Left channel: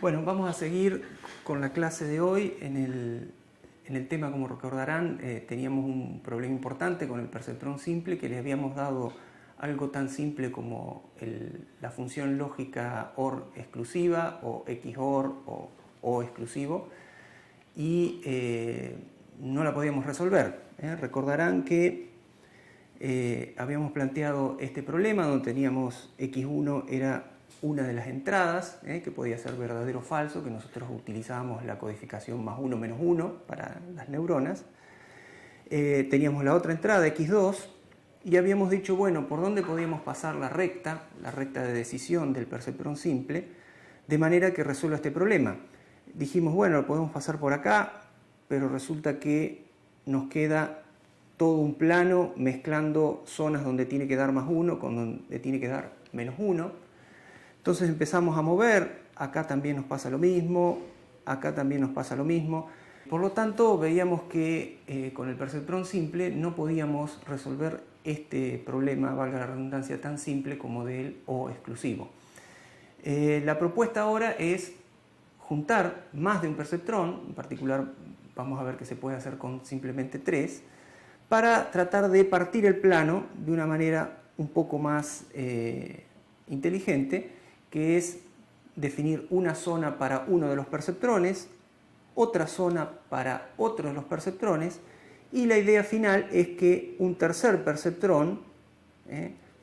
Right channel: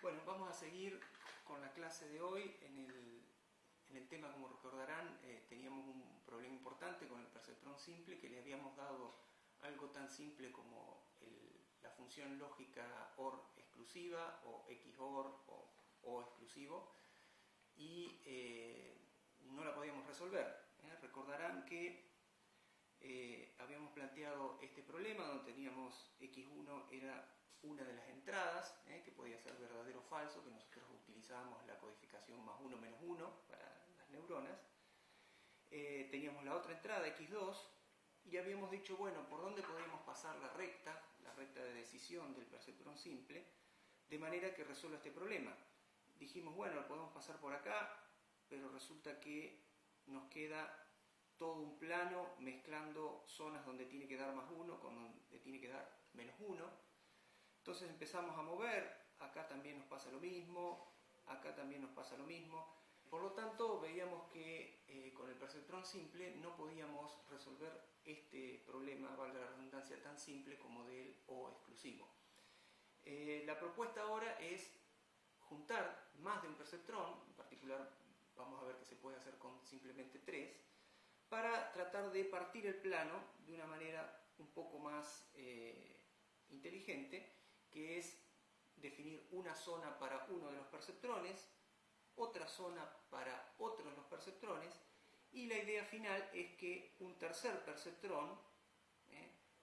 Bueno, vamos a seguir con la clase de hoy. En el tema, como recordarán, teníamos un problema importante con el perceptrón simple, que le habíamos dado algo tan simple como la función lógica OR exclusiva o XOR o exclusivo, y no la podíamos resolver. Recordarán que habíamos planteado este problema donde teníamos X1 era una de las entradas, que podía ser verdadero o falso, que nosotros utilizábamos la codificación +1 - 1 para las neuronas. Teníamos la otra entrada, X2, y habíamos dicho, bueno, ¿por dónde podíamos pasar la recta de decisión del perceptrón simple, de manera que resuelva este problema? Dijimos, bueno, lo podemos pasar por acá, pero resulta que nos queda todo un plano mezclando zonas donde tiene que dar +1 con donde tiene que dar -1. Entonces empezamos a mover, acá también nos pasa lo mismo, acá también nos pasa lo mismo. Por lo tanto, veíamos que con el perceptrón simple no podíamos resolver este problema, valga la redundancia, tan simple como del O exclusivo. La propuesta ahora es juntar más de un perceptrón, en particular vamos a ver que se puede hacer con simplemente 3, para tratar de partir el plano de una manera un poco más inteligente, que es definir una zona para uno de los perceptrones, otra zona para otro de los perceptrones, y la idea final es que un tercer perceptrón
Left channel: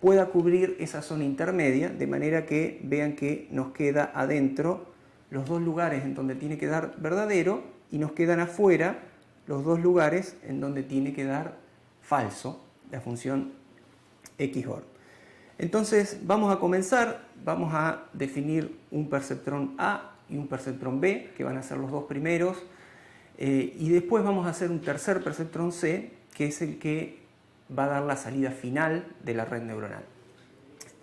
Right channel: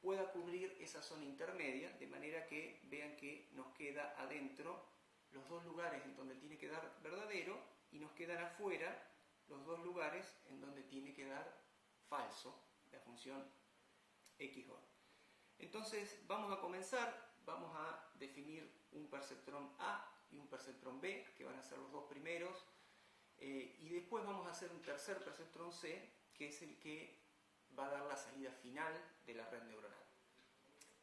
pueda cubrir esa zona intermedia, de manera que vean que nos queda adentro los dos lugares en donde tiene que dar verdadero y nos quedan afuera los dos lugares en donde tiene que dar falso, la función XOR. Entonces vamos a comenzar, vamos a definir un perceptrón A y un perceptrón B, que van a ser los dos primeros, y después vamos a hacer un tercer perceptrón C, que es el que va a dar la salida final de la red neuronal.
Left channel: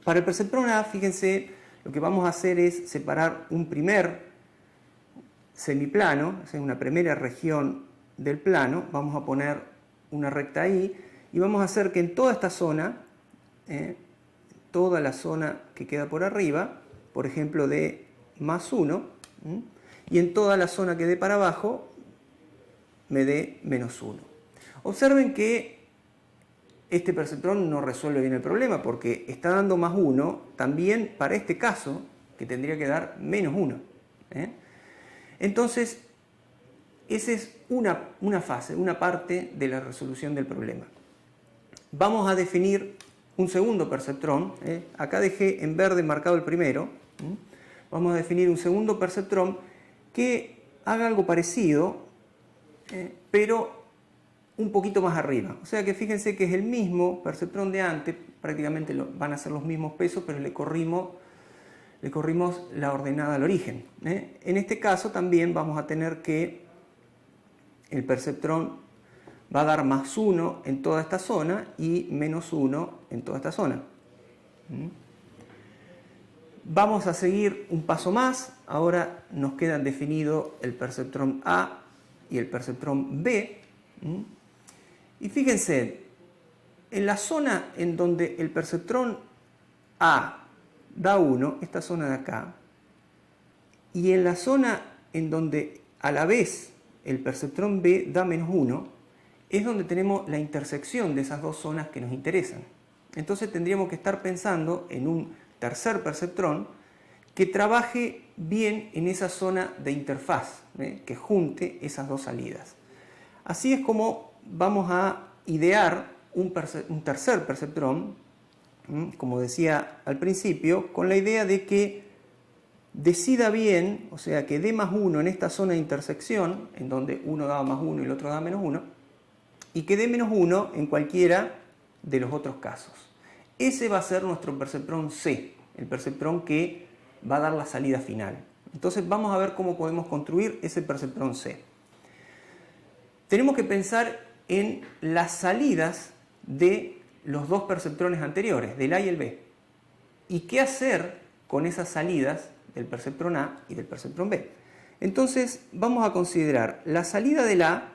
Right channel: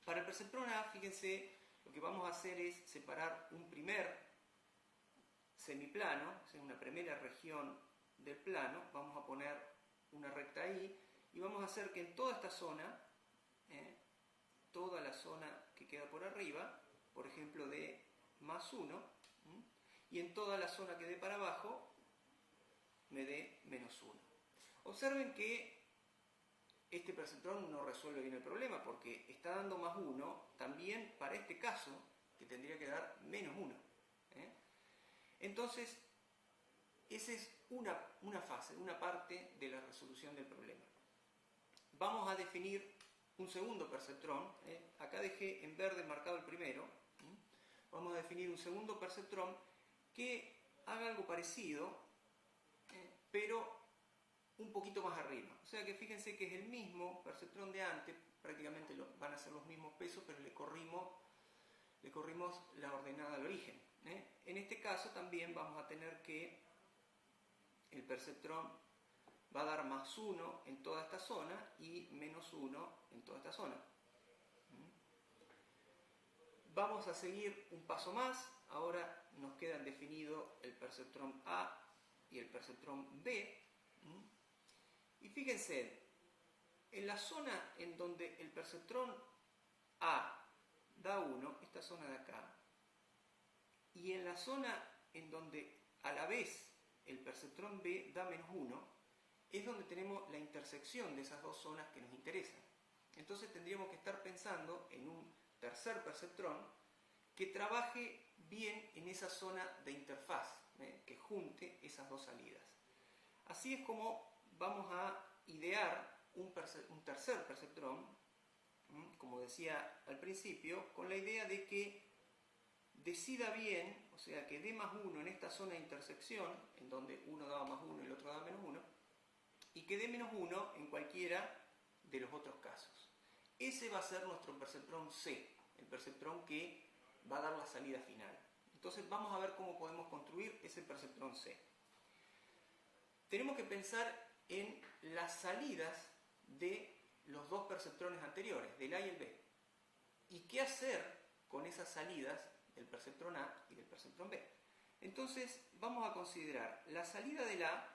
Para el perceptrón A, fíjense, lo que vamos a hacer es separar un primer semiplano, o sea, una primera región del plano, vamos a poner una recta ahí, y vamos a hacer que en toda esta zona, toda la zona que queda por arriba, por ejemplo de +1, y en toda la zona que dé para abajo me dé -1. Observen que este perceptrón no resuelve bien el problema porque está dando +1 también para este caso, que tendría que dar -1. Entonces, esa es una fase, una parte de la resolución del problema. Vamos a definir un segundo perceptrón. Acá dejé en verde marcado el primero. Vamos a definir un segundo perceptrón que haga algo parecido, pero un poquito más arriba. O sea que fíjense que es el mismo perceptrón de antes, prácticamente van a ser los mismos pesos, pero le corrimos la ordenada al origen. En este caso también vamos a tener que el perceptrón va a dar +1 en toda esta zona y -1 en toda esta zona. Vamos a seguir un paso más. Ahora nos quedan definidos el perceptrón A y el perceptrón B. Y fíjense, en la zona en donde el perceptrón A da 1, esta zona de acá, y en la zona en donde a la vez el perceptrón B da -1, es donde tenemos la intersección de esas dos zonas que nos interesan. Entonces tendríamos que estar pensando en un tercer perceptrón que trabaje bien en esa zona de interfaz, que junte esas dos salidas. Así es como vamos a idear un tercer perceptrón, como decía al principio, con la idea de que decida bien, o sea, que dé +1 en esta zona de intersección, en donde uno daba +1 y el otro daba -1, y que dé -1 en cualquiera de los otros casos. Ese va a ser nuestro perceptrón C, el perceptrón que va a dar la salida final. Entonces vamos a ver cómo podemos construir ese perceptrón C. Tenemos que pensar en las salidas de los dos perceptrones anteriores, del A y el B. ¿Y qué hacer con esas salidas del perceptrón A y del perceptrón B? Entonces vamos a considerar la salida del A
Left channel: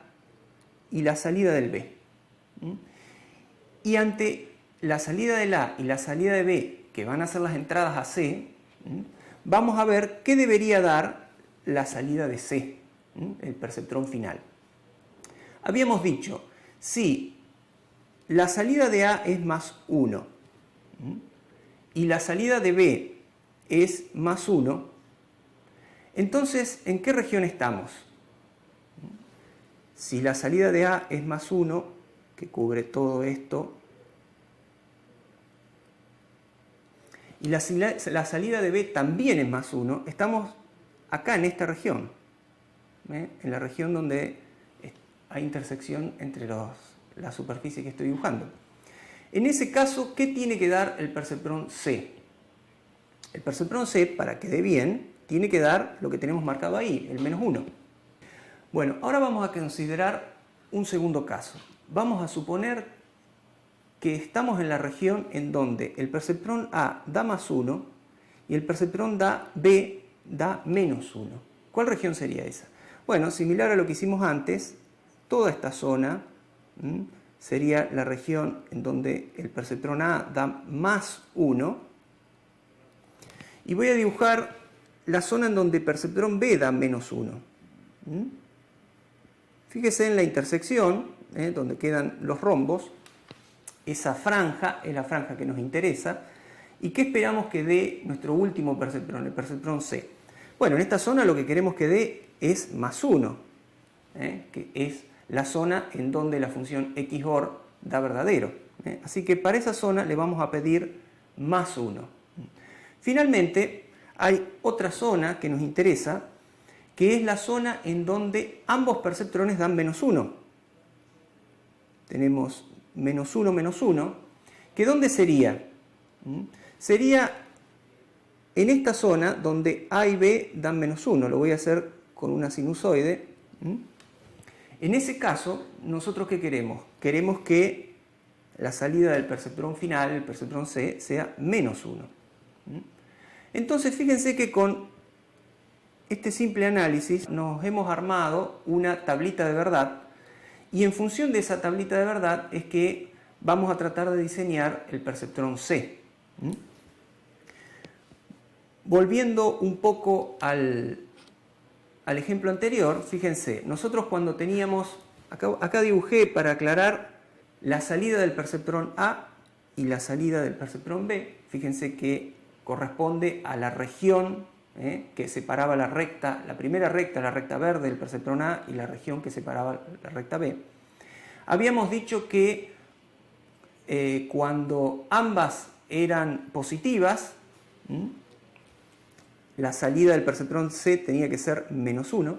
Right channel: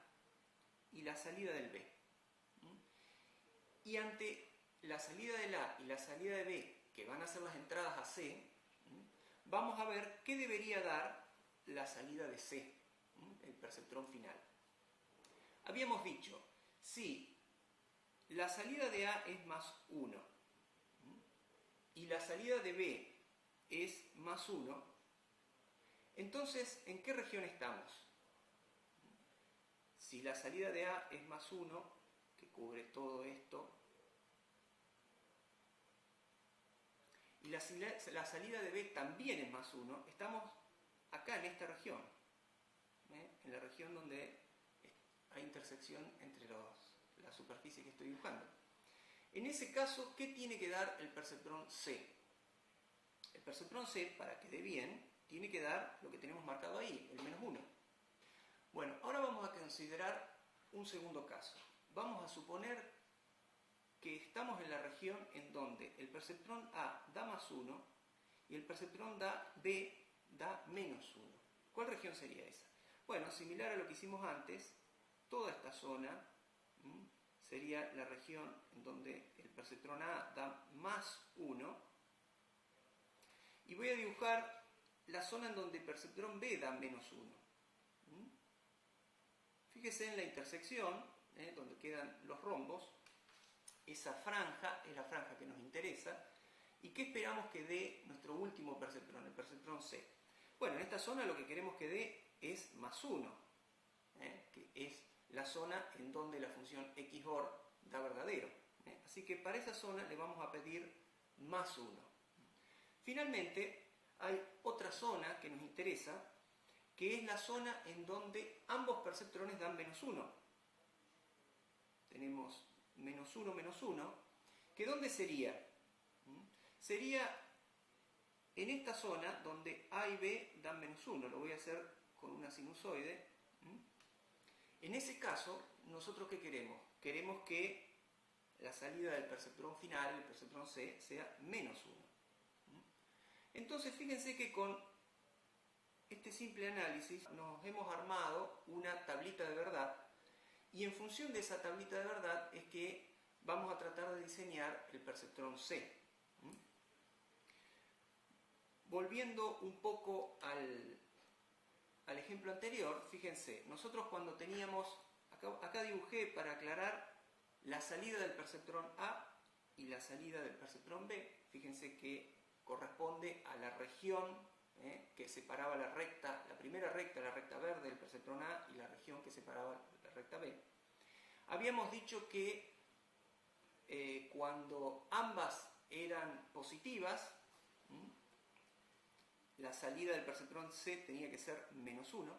y la salida del B. Y ante la salida del A y la salida de B, que van a ser las entradas a C, vamos a ver qué debería dar la salida de C, el perceptrón final. Habíamos dicho, si la salida de A es más 1 y la salida de B es más 1, entonces, ¿en qué región estamos? Si la salida de A es más 1, que cubre todo esto, y la salida de B también es más 1, estamos acá en esta región, en la región donde hay intersección entre la superficie que estoy dibujando. En ese caso, ¿qué tiene que dar el perceptrón C? El perceptrón C, para que dé bien, tiene que dar lo que tenemos marcado ahí, el menos 1. Bueno, ahora vamos a considerar un segundo caso. Vamos a suponer que estamos en la región en donde el perceptrón A da más 1 y el perceptrón B da menos 1. ¿Cuál región sería esa? Bueno, similar a lo que hicimos antes, toda esta zona sería la región en donde el perceptrón A da más 1. Y voy a dibujar la zona en donde el perceptrón B da menos 1. Fíjese en la intersección, donde quedan los rombos. Esa franja es la franja que nos interesa. ¿Y qué esperamos que dé nuestro último perceptrón, el perceptrón C? Bueno, en esta zona lo que queremos que dé es más 1, que es la zona en donde la función XOR da verdadero. Así que para esa zona le vamos a pedir más 1. Finalmente, hay otra zona que nos interesa, que es la zona en donde ambos perceptrones dan menos 1. Tenemos menos 1, menos 1, que ¿dónde sería? Sería en esta zona donde A y B dan menos 1. Lo voy a hacer con una sinusoide. En ese caso, ¿nosotros qué queremos? Queremos que la salida del perceptrón final, el perceptrón C, sea menos 1. Entonces, fíjense que con este simple análisis nos hemos armado una tablita de verdad y en función de esa tablita de verdad es que vamos a tratar de diseñar el perceptrón C. Volviendo un poco al ejemplo anterior, fíjense, nosotros cuando teníamos, acá dibujé para aclarar la salida del perceptrón A y la salida del perceptrón B, fíjense que corresponde a la región que separaba la primera recta, la recta verde del perceptrón A y la región que separaba la recta B. Habíamos dicho que cuando ambas eran positivas, la salida del perceptrón C tenía que ser menos 1.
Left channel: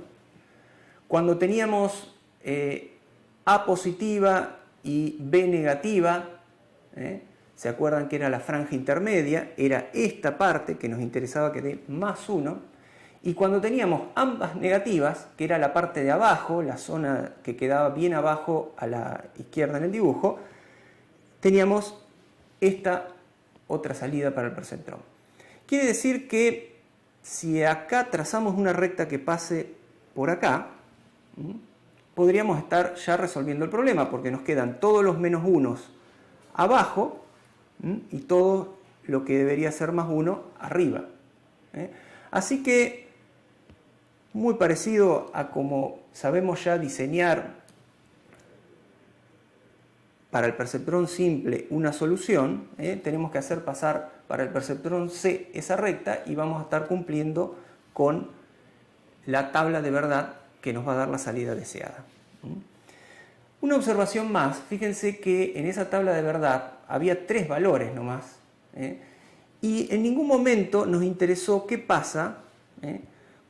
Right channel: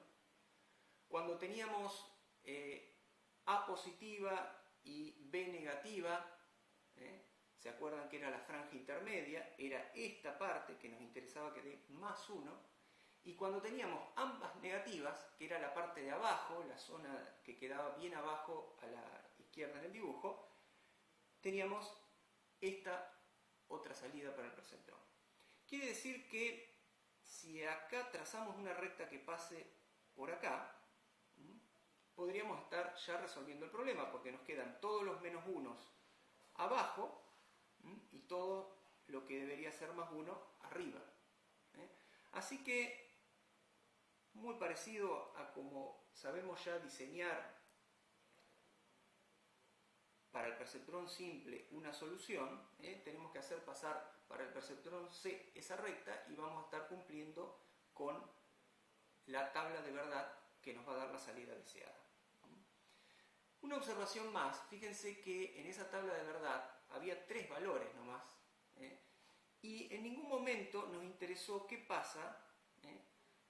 Cuando teníamos A positiva y B negativa, ¿se acuerdan que era la franja intermedia? Era esta parte que nos interesaba que dé más 1. Y cuando teníamos ambas negativas, que era la parte de abajo, la zona que quedaba bien abajo a la izquierda en el dibujo, teníamos esta otra salida para el perceptrón. Quiere decir que si acá trazamos una recta que pase por acá, podríamos estar ya resolviendo el problema, porque nos quedan todos los menos 1 abajo y todo lo que debería ser más 1 arriba. Así que, muy parecido a como sabemos ya diseñar para el perceptrón simple una solución, tenemos que hacer pasar para el perceptrón C esa recta y vamos a estar cumpliendo con la tabla de verdad que nos va a dar la salida deseada. Una observación más, fíjense que en esa tabla de verdad había 3 valores nomás, y en ningún momento nos interesó qué pasa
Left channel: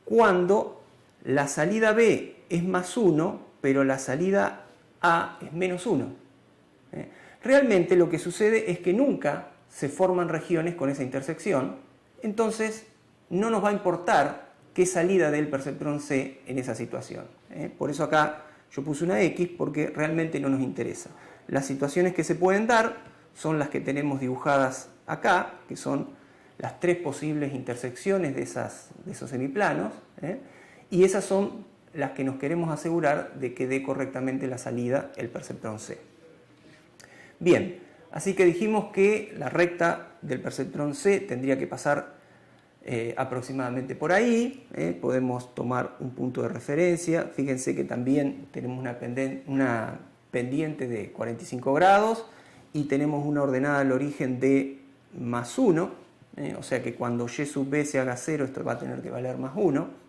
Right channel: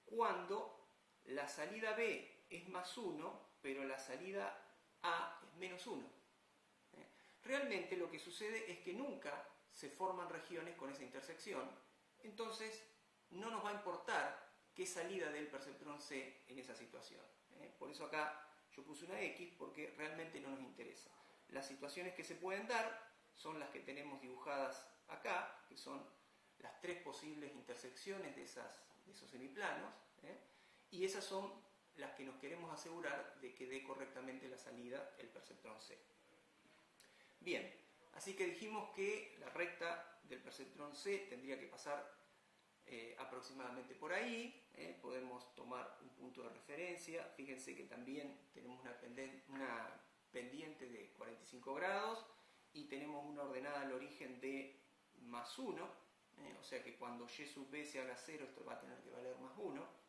cuando la salida B es más 1, pero la salida A es menos 1. Realmente lo que sucede es que nunca se forman regiones con esa intersección, entonces no nos va a importar qué salida dé el perceptrón C en esa situación. Por eso acá yo puse una X porque realmente no nos interesa. Las situaciones que se pueden dar son las que tenemos dibujadas acá, que son las 3 posibles intersecciones de esos semiplanos, y esas son las que nos queremos asegurar de que dé correctamente la salida el perceptrón C. Bien, así que dijimos que la recta del perceptrón C tendría que pasar aproximadamente por ahí. Podemos tomar un punto de referencia. Fíjense que también tenemos una pendiente de 45 grados y tenemos una ordenada al origen de más 1. O sea que cuando y sub b se haga 0, esto va a tener que valer más 1.